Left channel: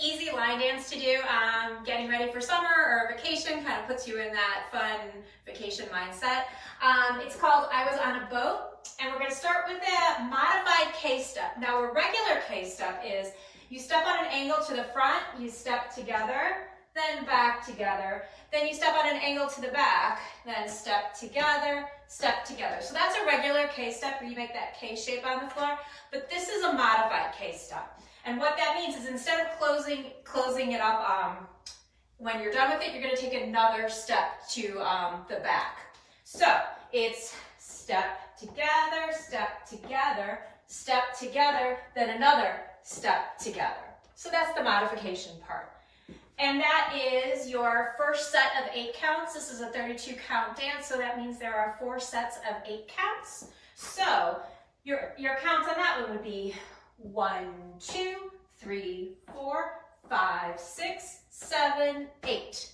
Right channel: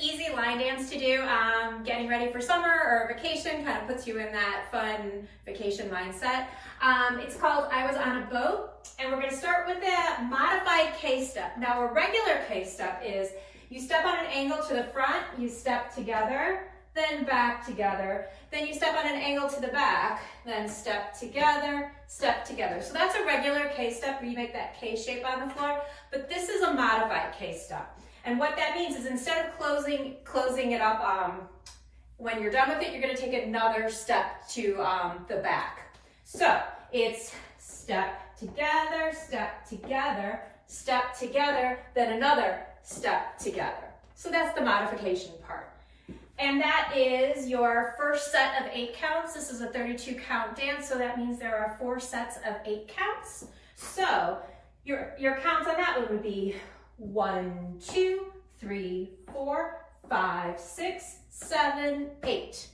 easy line dance to do, getting ready for summer or vacation, kind of puts you in that fun vacation mindset. It's called I Was on a Boat, and we're going to start with a modified K-step. Now, a regular K-step is you step on an angle to the front, you step together, then back together, then you step on an angle to the back, then step together, step together. So that's a regular K-step where you make that K shape on the floor, but this is a modified K-step. And what that means is instead of closing it up, when you're done with it, you're going to take another step to the back. So it's step together, step together, step together, then another step together. So that's the modification part. And that is your first set of 8 counts. This is a 32 count dance, so that means there are 4 sets of 8 counts. So your counts on that one would be 1, 2, 3, 4, 5, 6, 7, 8.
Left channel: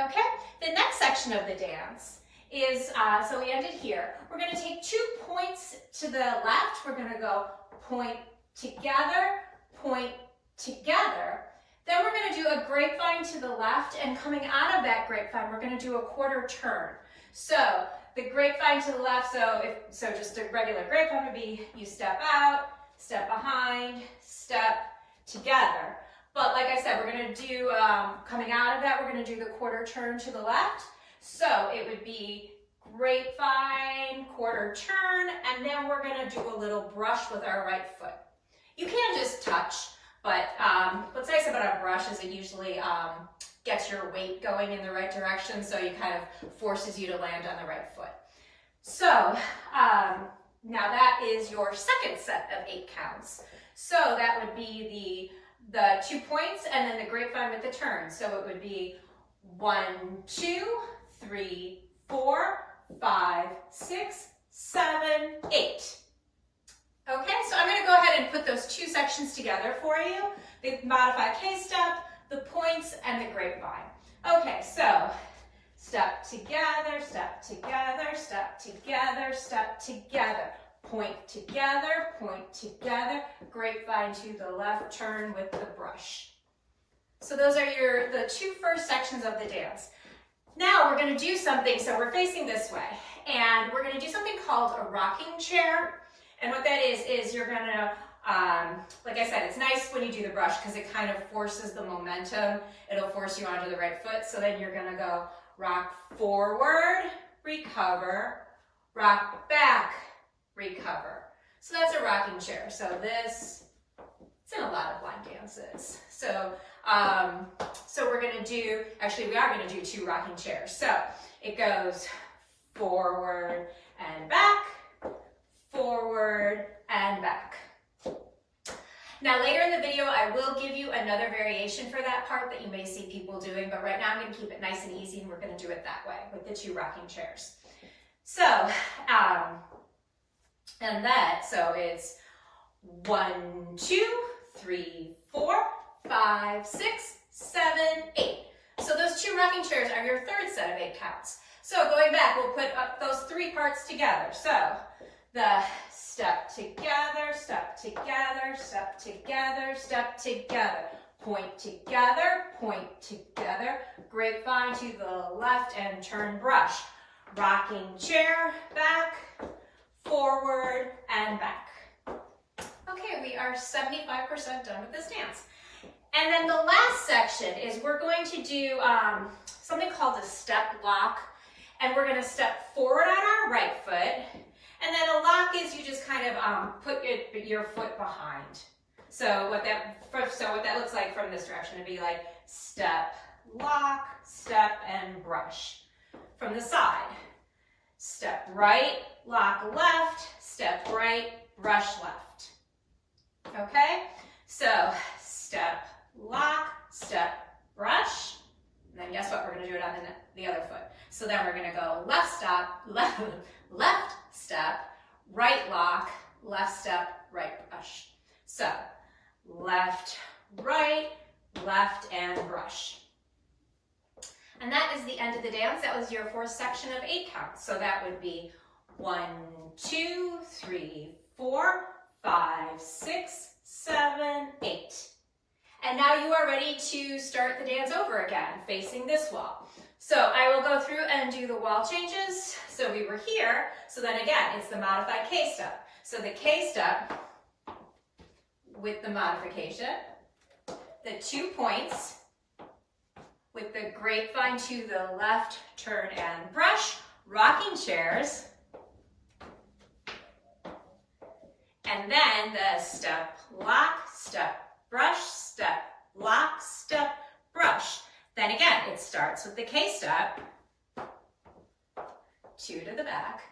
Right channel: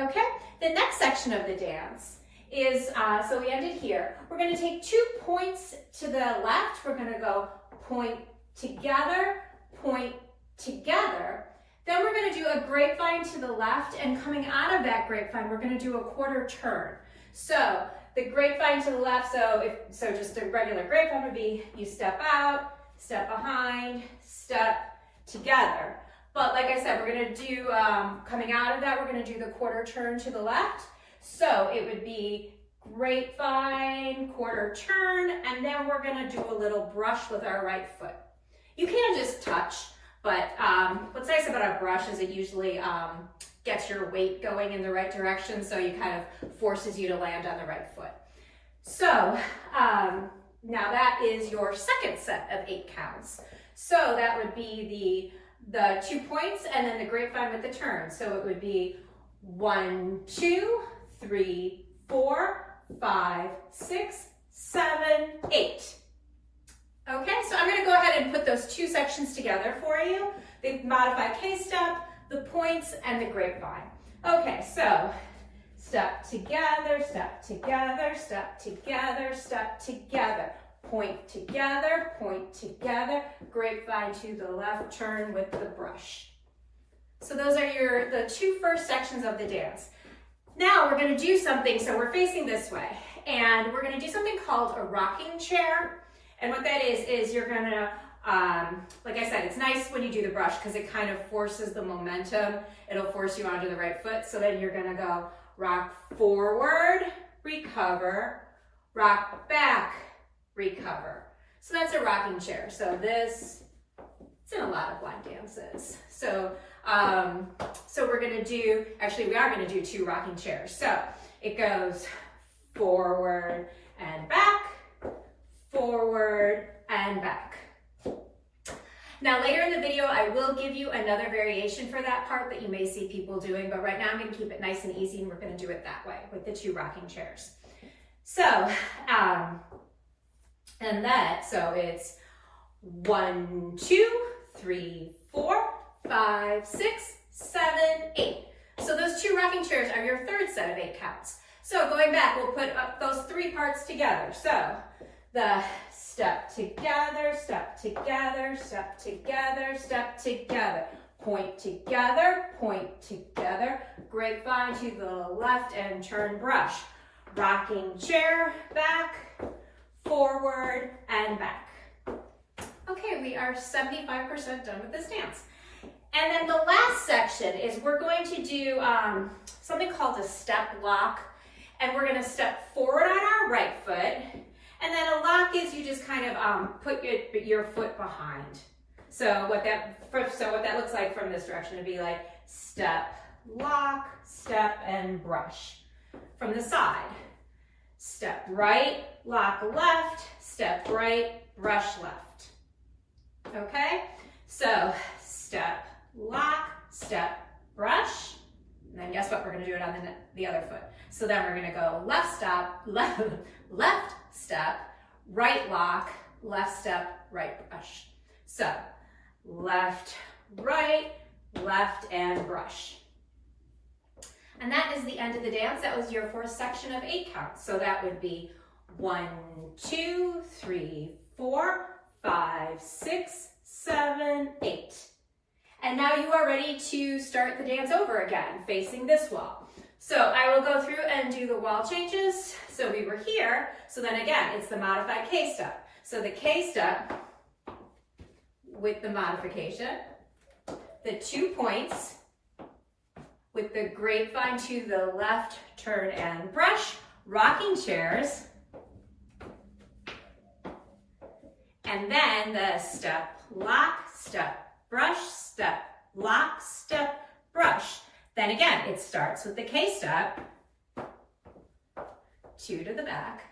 Okay, the next section of the dance is, so we ended here. We're going to take 2 points to the left. We're going to go point together, point together. Then we're going to do a grapevine to the left, and coming out of that grapevine, we're going to do a quarter turn. So the grapevine to the left, so just a regular grapevine would be you step out, step behind, step together. But like I said, we're going to do, coming out of that, we're going to do the quarter turn to the left. So it would be grapevine, quarter turn, and then we're going to do a little brush with our right foot. You can just touch. But what's nice about a brush is it usually gets your weight going in the right direction, so it kind of forces you to land on the right foot. So now that is your second set of 8 counts. So that would be the 2 points and then the grapevine with the turn. So it would be 1, 2, 3, 4, 5, 6, 7, 8. Okay, so I'm going to go ahead and put those 2 sections together for you. The modified K-step, the points, and the grapevine. Okay, so step together, step together, step together, step together. Point together, grapevine to the left, turn with the brush. So those are the 2 first sections of the dance. Now we're going to do something, so we're facing this way, and we're going to do something called a rocking chair. And what that is you're gonna, like I said, it's nice when you do the brush because it kind of forces the momentum. It'll force you onto the right foot. So then you're gonna go rock forward, recover, rock back, recover. So that's a rocking chair. So it's in a lot of line dances. So, we're gonna do, actually we are gonna do 2 rocking chairs. So it goes forward and back, forward and back. Now later in the video, I will give you another variation for that part that you may see people doing, but right now I'm going to keep it nice and easy and we're going to do it that way with the 2 rocking chairs. So, so it's 1, 2, 3, 4, 5, 6, 7, 8. So those 2 rocking chairs are your third set of 8 counts. So going back, we'll put up those 3 parts together. So the step together, step together, step together, step together, point together, grapevine to the left and turn brush, rocking chair, back, forward, and back. Okay, we are 75% done with this dance. And then the last section is we're going to do something called a step lock, and we're going to step forward on our right foot. And then a lock is you just kind of put your foot behind. So what that looks like from this direction would be like step, lock, step, and brush. From the side, step right, lock left, step right, brush left. Okay? So step, lock, step, brush. And then guess what? We're going to do it on the other foot. So then we're going to go left step, left step, right lock, left step, right brush. So left, right, left, and brush. And that is the end of the dance. That was your 4th section of 8 counts. So that would be 1, 2, 3, 4, 5, 6, 7, 8. And now you are ready to start the dance over again, facing this wall. So I will go through and do the wall changes. So we were here, so then again, it's the modified K step. So the K step with the modification, the 2 points with the grapevine to the left, turn and brush, rocking chairs, and then the step, lock, step, brush, step, lock, step, brush. Then again, it starts with the K step, 2 to the back,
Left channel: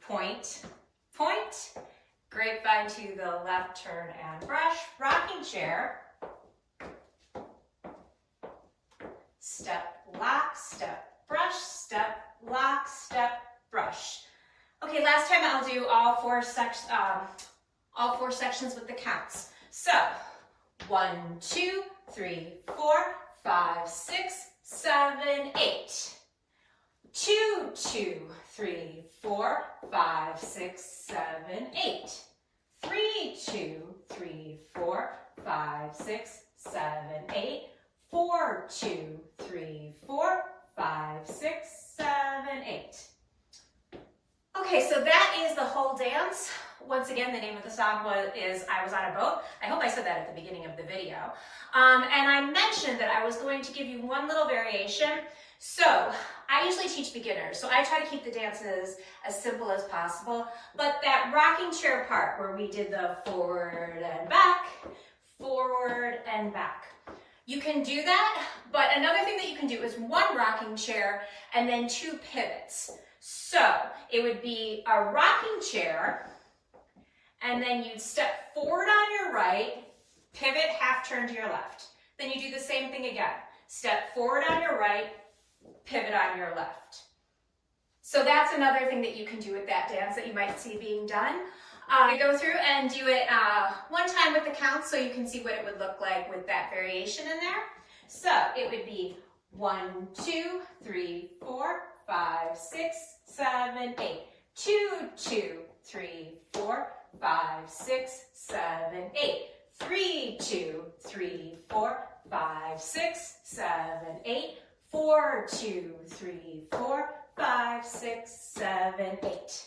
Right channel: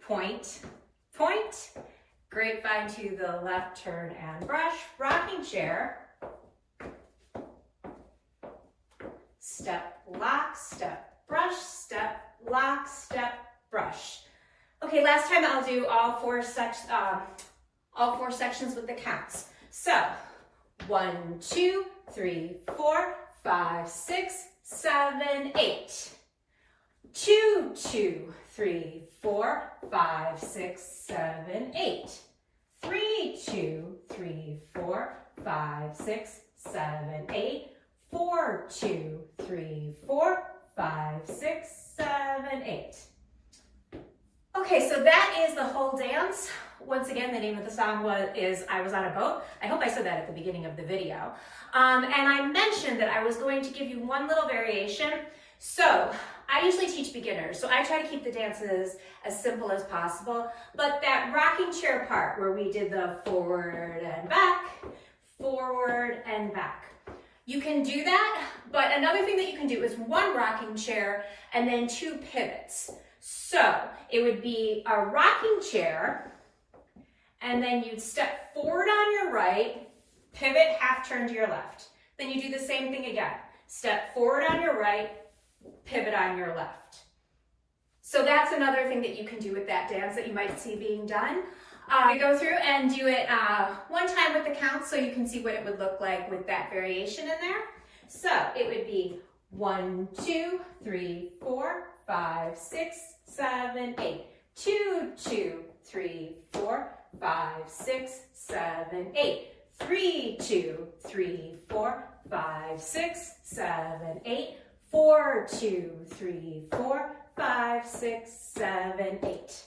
point, point, grapevine to the left, turn and brush, rocking chair, step, lock, step, brush, step, lock, step, brush. Okay, last time I'll do all four sections with the counts. So 1, 2, 3, 4, 5, 6, 7, 8. 2, 2, 3, 4, 5, 6, 7, 8. 3, 2, 3, 4, 5, 6, 7, 8. 4, 2, 3, 4, 5, 6, 7, 8. Okay, so that is the whole dance. Once again, the name of the song is I Was on a Boat. I hope I said that at the beginning of the video. And I mentioned that I was going to give you one little variation. So I usually teach beginners, so I try to keep the dances as simple as possible. But that rocking chair part where we did the forward and back, you can do that, but another thing that you can do is 1 rocking chair and then 2 pivots. So it would be a rocking chair, and then you'd step forward on your right, pivot, half turn to your left. Then you do the same thing again. Step forward on your right, pivot on your left. So that's another thing that you can do with that dance that you might see being done. Go through and do it 1 time with the counts so you can see what it would look like with that variation in there. So it would be 1, 2, 3, 4, 5, 6, 7, 8. 2, 2, 3, 4, 5, 6, 7, 8. 3, 2, 3, 4, 5, 6, 7, 8. 4, 2, 3, 4, 5, 6, 7, 8.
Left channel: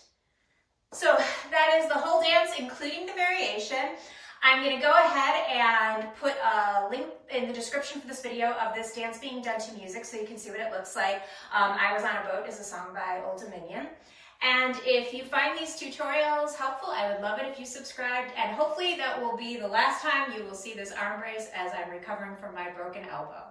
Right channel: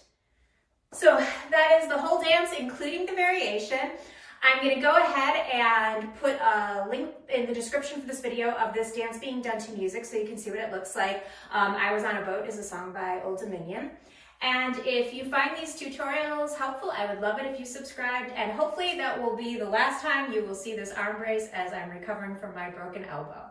So that is the whole dance, including the variation. I'm going to go ahead and put a link in the description for this video of this dance being done to music so you can see what it looks like. I Was on a Boat is a song by Old Dominion. And if you find these tutorials helpful, I would love it if you subscribed, and hopefully that will be the last time you will see this arm brace as I'm recovering from my broken elbow.